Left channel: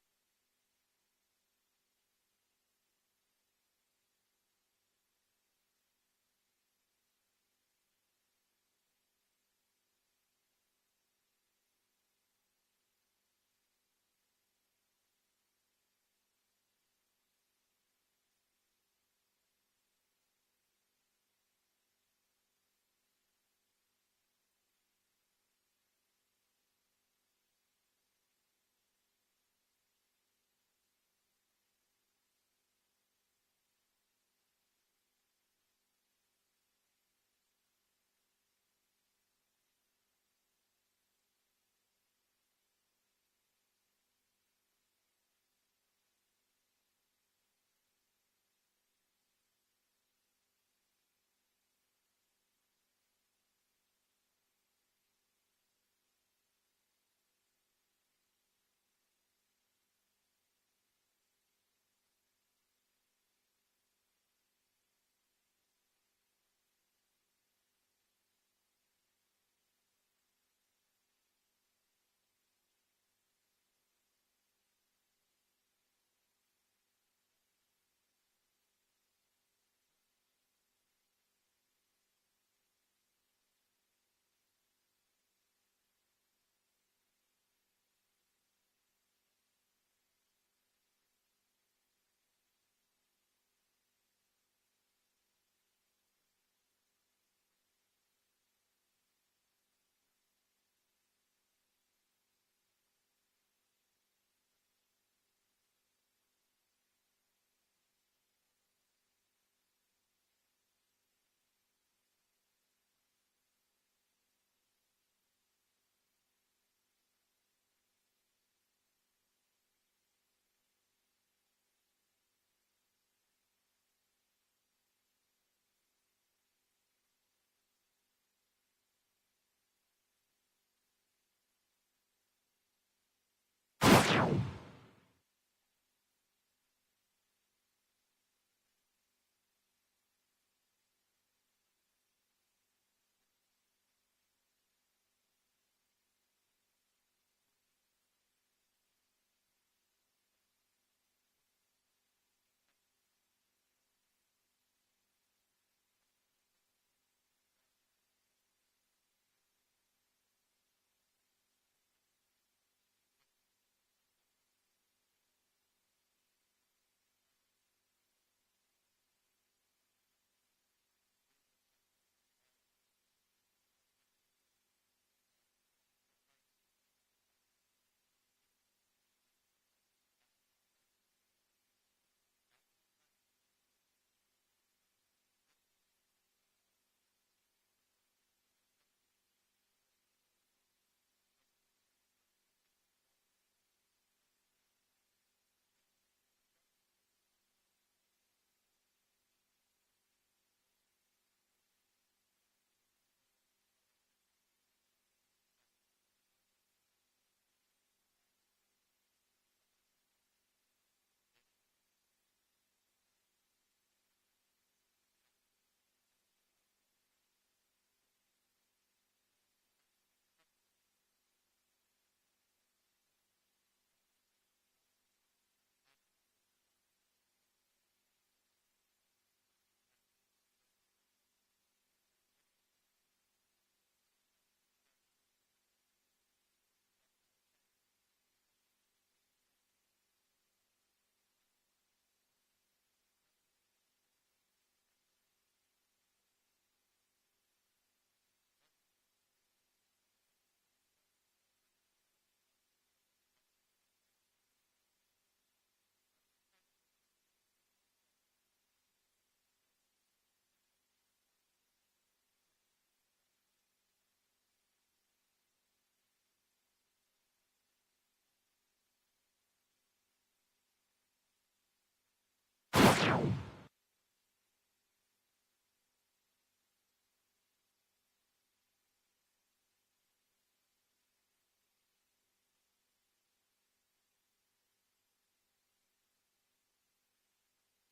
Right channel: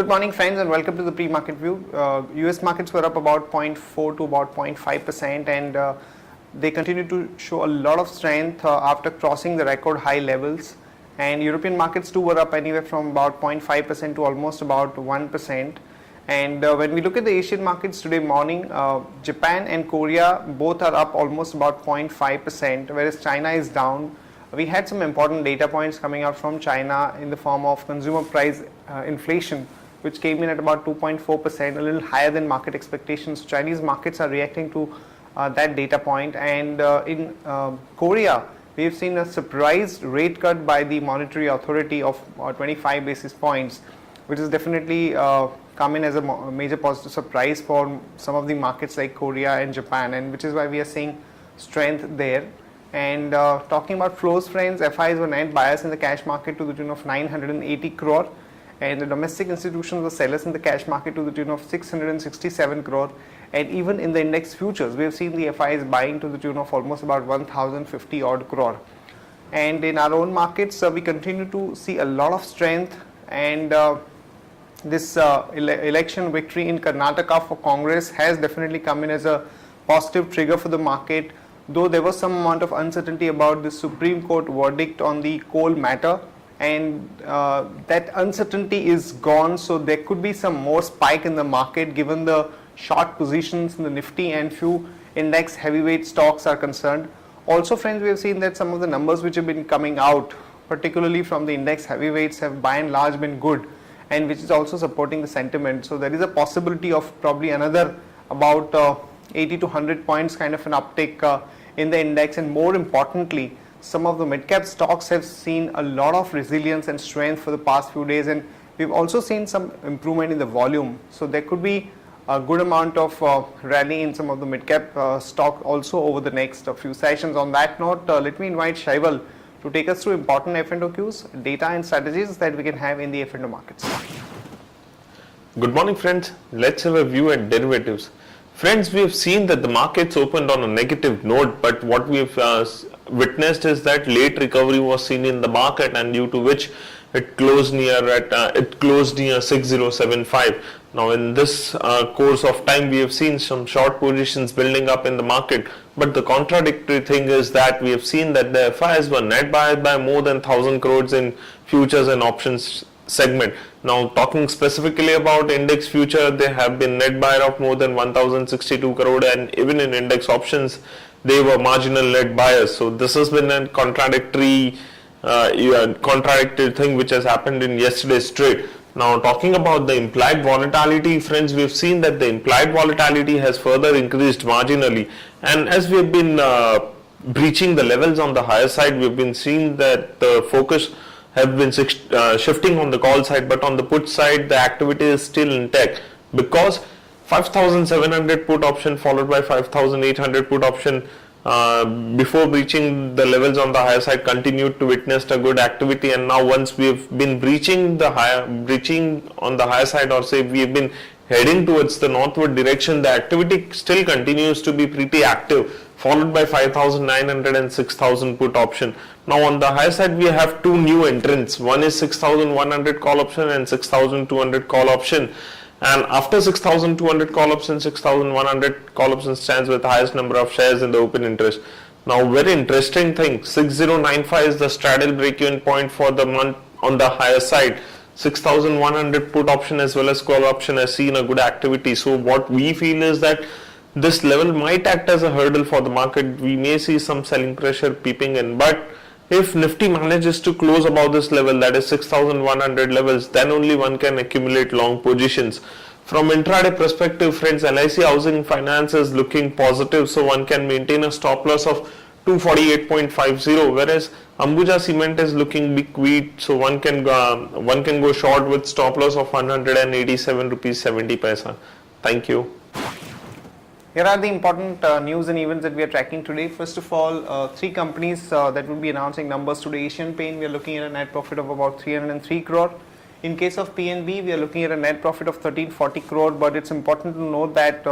Good morning, friends, and welcome to the pre-market view. US markets were up about 0.4 to about 0.5%, and they continue to show a lot of strength after crossing the record high levels. And European markets too were up anywhere from about 0.5% to almost about 1%. And when we look at the Asian markets today morning, Japan and Korea both are up almost about 0.5%, whereas China is down. We had some important data points coming out from China in the form of consumer price inflation, which came in at about 2.4%, a little higher than market expectations. Chinese markets are reacting to that data point. And in Korea, we have seen a surprise rate cut by the monetary authority of 25 basis points, which is definitely come in as a major positive surprise for some of the markets like Korea and Japan, and which is why we are seeing strength there. And talking about flows, friends, FIs were net buyers in the cash market to the tune of 980 crore, and the domestic institutions were sellers in the cash market to the tune of 667 crore. And even in the index futures, we have seen the FIs buying to the tune of almost about 1050 odd crore. And in our own markets, we continue to see a lot of strength, and this election victory in Karnataka for Congress has definitely come in as a positive trigger for the market, though there was some amount of uncertainty about the Supreme Court verdict on the coal matter, and that uncertainty is gone, so there could be some more spike in the market given the short positions in the Nifty and few index heavyweight stocks are concerned. Also, friends, we have seen that some of the numbers which have been coming out, particularly from the index heavyweights, have by and large been good, and which is also supporting the sentiment. So there is a possibility of probably another about 80 to 100 points kind of an uptick in the index. And more importantly, some of the mid-cap stocks have seen a lot of resilience and strength for the past few days, and we've also seen some improvement in the volume. So there could be a good amount of rally in some of the mid-cap stock also over the next few sessions. On that note, let me invite Shaival to take us through important F&O cues, data and strategies that we can have in the F&O markets. Good morning, friends. Let's have a view at derivatives. Friends, we have seen that the markets opened on a negative note, but what we have witnessed is that late recovery was seen in the market, and due to which it closed near 6075. Now, in this course of time, we have seen some short positions building up in the market, but the contradictory thing is that we have seen that the FIs were net buyers by more than 1000 crores in futures and options segment. Now, talking specifically about index future, they have been net buyer of more than 1062 crore, and even in index options, they were marginal net buyers. So this has been a contradictory thing which has happened in yesterday's trade. Now, talking about the implied volatility, friends, we have seen that the implied volatility has further increased marginally, and as we have been breaching the levels on the higher side, we have been seeing that the focus have been shifting on the call side, but on the put side, the activity is still intact because 5700 put option followed by 5800 put option before breaching the levels on the higher side continued to witness a good activity. And now once we have been breaching on the higher side, or say we have been heading towards the northward direction, the activity still continues to be pretty active, followed by 5900 and 6000 put option. Now on the higher side, we have two new entrants. One is 6100 call option and 6200 call option. And after 6200 call option, 6100 call option stands with the highest number of shares in the open interest. Now, very interesting thing, 6095 is the straddle break-even point for the month on the higher side. 6100 put option as well as call option has seen a good activity. So what we feel is that this level might act as a hurdle for the market. We may see some selling pressure peeping in, but if Nifty manages to close above this level, that is 6100 levels, then only one can accumulate long positions. From intraday perspective, friends, LIC Housing Finance is looking positive, so one can maintain a stop loss of 248.50, whereas Ambuja Cement is looking big weak, so one can go short with stop loss of 187 rupees 70 paisa. Thank you. Here are the important news and events that we are tracking today. First of all, three companies that will be announcing numbers today. Asian Paint, we are looking at a net profit of about 303 crore. In case of PNB, we are looking at a net profit of 1340 crore, but it's important to note that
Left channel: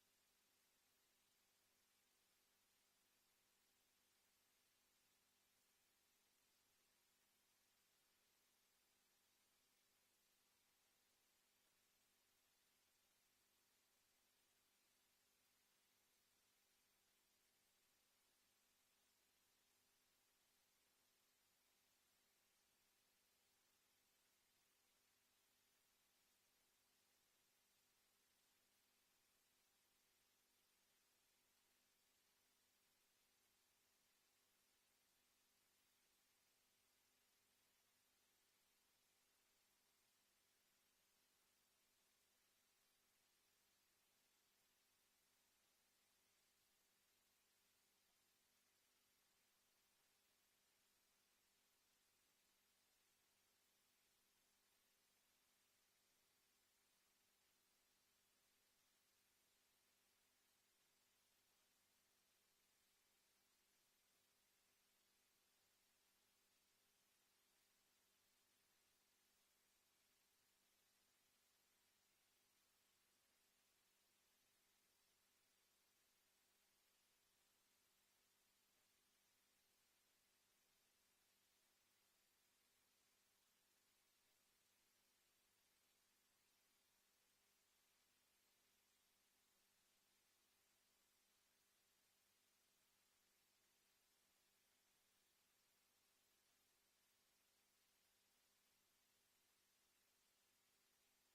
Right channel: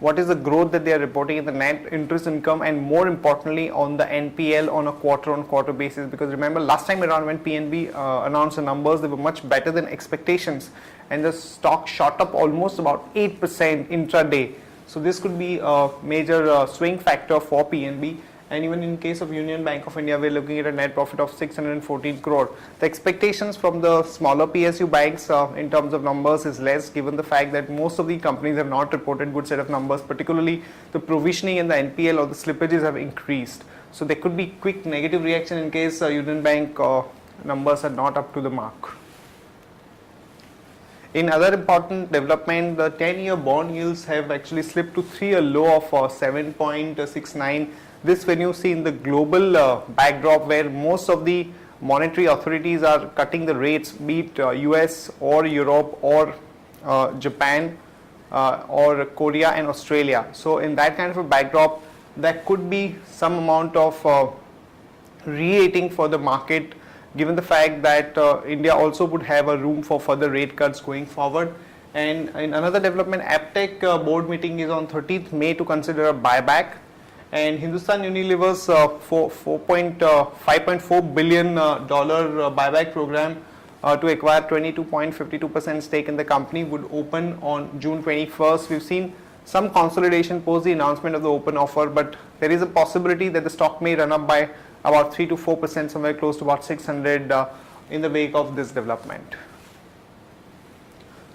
what is the growth that they are reporting in the net interest income, and more importantly on the NPL on a quarter-on-quarter basis. Because remember, last time around when PNB announced the numbers, they were much better than expectations, and the stock shot up almost about 8% intraday. So this could be a major swing factor for PNB. And even in case of Union Bank of India, we're looking at a net profit of 614 crore. The expectations from the smaller PSU banks in terms of numbers is less, given the fact that most of the companies have not reported good set of numbers, particularly the provisioning in the NPL or the slippages have increased. So there could be quick negative reaction in case Union Bank numbers are not up to the mark. In other important development, the 10-year bond yields have actually slipped to 3-year low of 7.69. This when you see in the global backdrop where most of the monetary authorities are cutting the rates, be it US or Europe or Japan or Korea and Australia. So in that kind of a backdrop, there could be some amount of re-rating for the market, given the fact that India also would have a room for further rate cuts going forward. And in another development, APTEC board meeting is on 30th May to consider a buyback. And Hindustan Unilever's $5.4 billion buyback program to acquire 22.52% stake in the company would open on June 21st. We've seen some consolidation post the announcement of the open offer, but there is a possibility that the stock may run up by about 3 to 4%, somewhere close to about 600 in the wake of this development.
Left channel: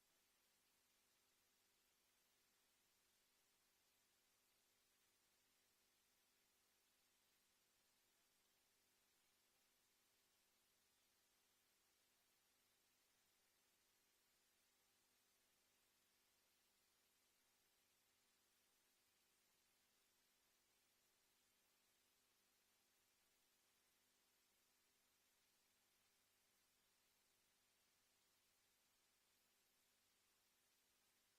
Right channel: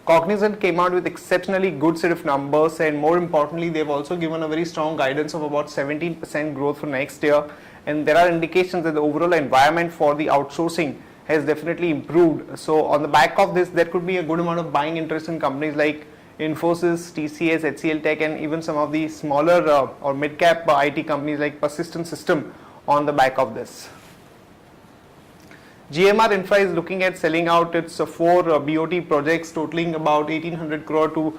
Cognizant came out with exceptionally good set of numbers, and more importantly, they've also given a very strong guidance of about 17% growth for next year. And there are indications that the overall environment for the outsourcing has definitely improved. So on the back of this, there could be a good amount of buying interest in companies like Infosys, TCS, HCL Tech, and even some of the smaller or mid-cap IT companies like Persistent System on the back of this. GMR Infra is looking at selling out its 4 BOT projects totaling about 1800 crore to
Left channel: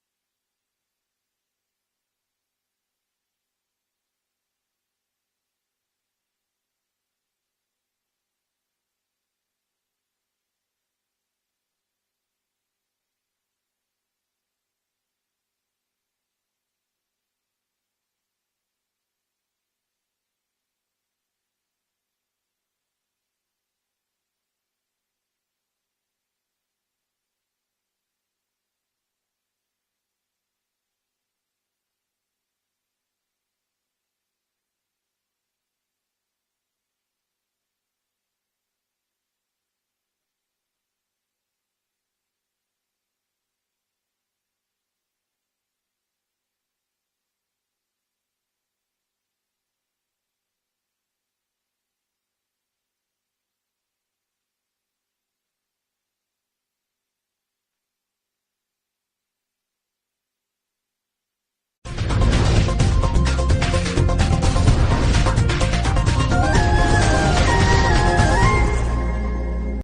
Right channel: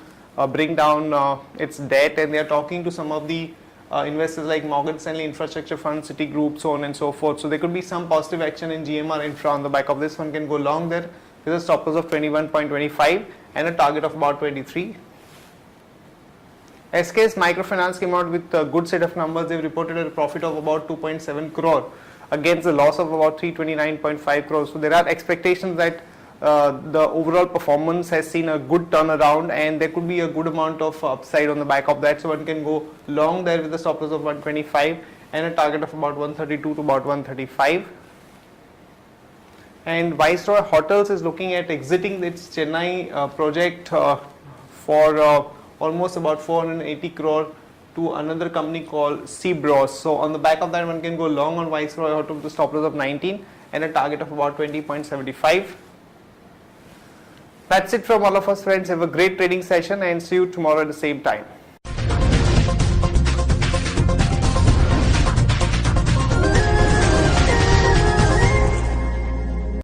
bring down its debt, and they are talking to some of the investors like Morgan Stanley Infrastructure Fund, Citigroup, so on and so forth. So there could be some positive action in GMR Infra on the back of this. One can go long there with a stop loss of 21.25 and a target of about 23. SKS Microfinance came out with a good set of numbers. They've reported a profit of about 2.7 crore against the loss of about 329.5 crores. So there are expectations that the overall performance has seen a good turnaround, and there could be a good amount of upside on the back of that. So one can go long there with a stop loss of 125 and a target of about 132 to about 135. And Viceroy Hotels is looking at exiting its Chennai project for almost about 480 crore to another company called Seabros. So on the back of that, one can go long on Viceroy Hotel with a stop loss of 19 and a target of about 20.75. That's it from all of us, friends. Have a great trading session and see you tomorrow at the same time.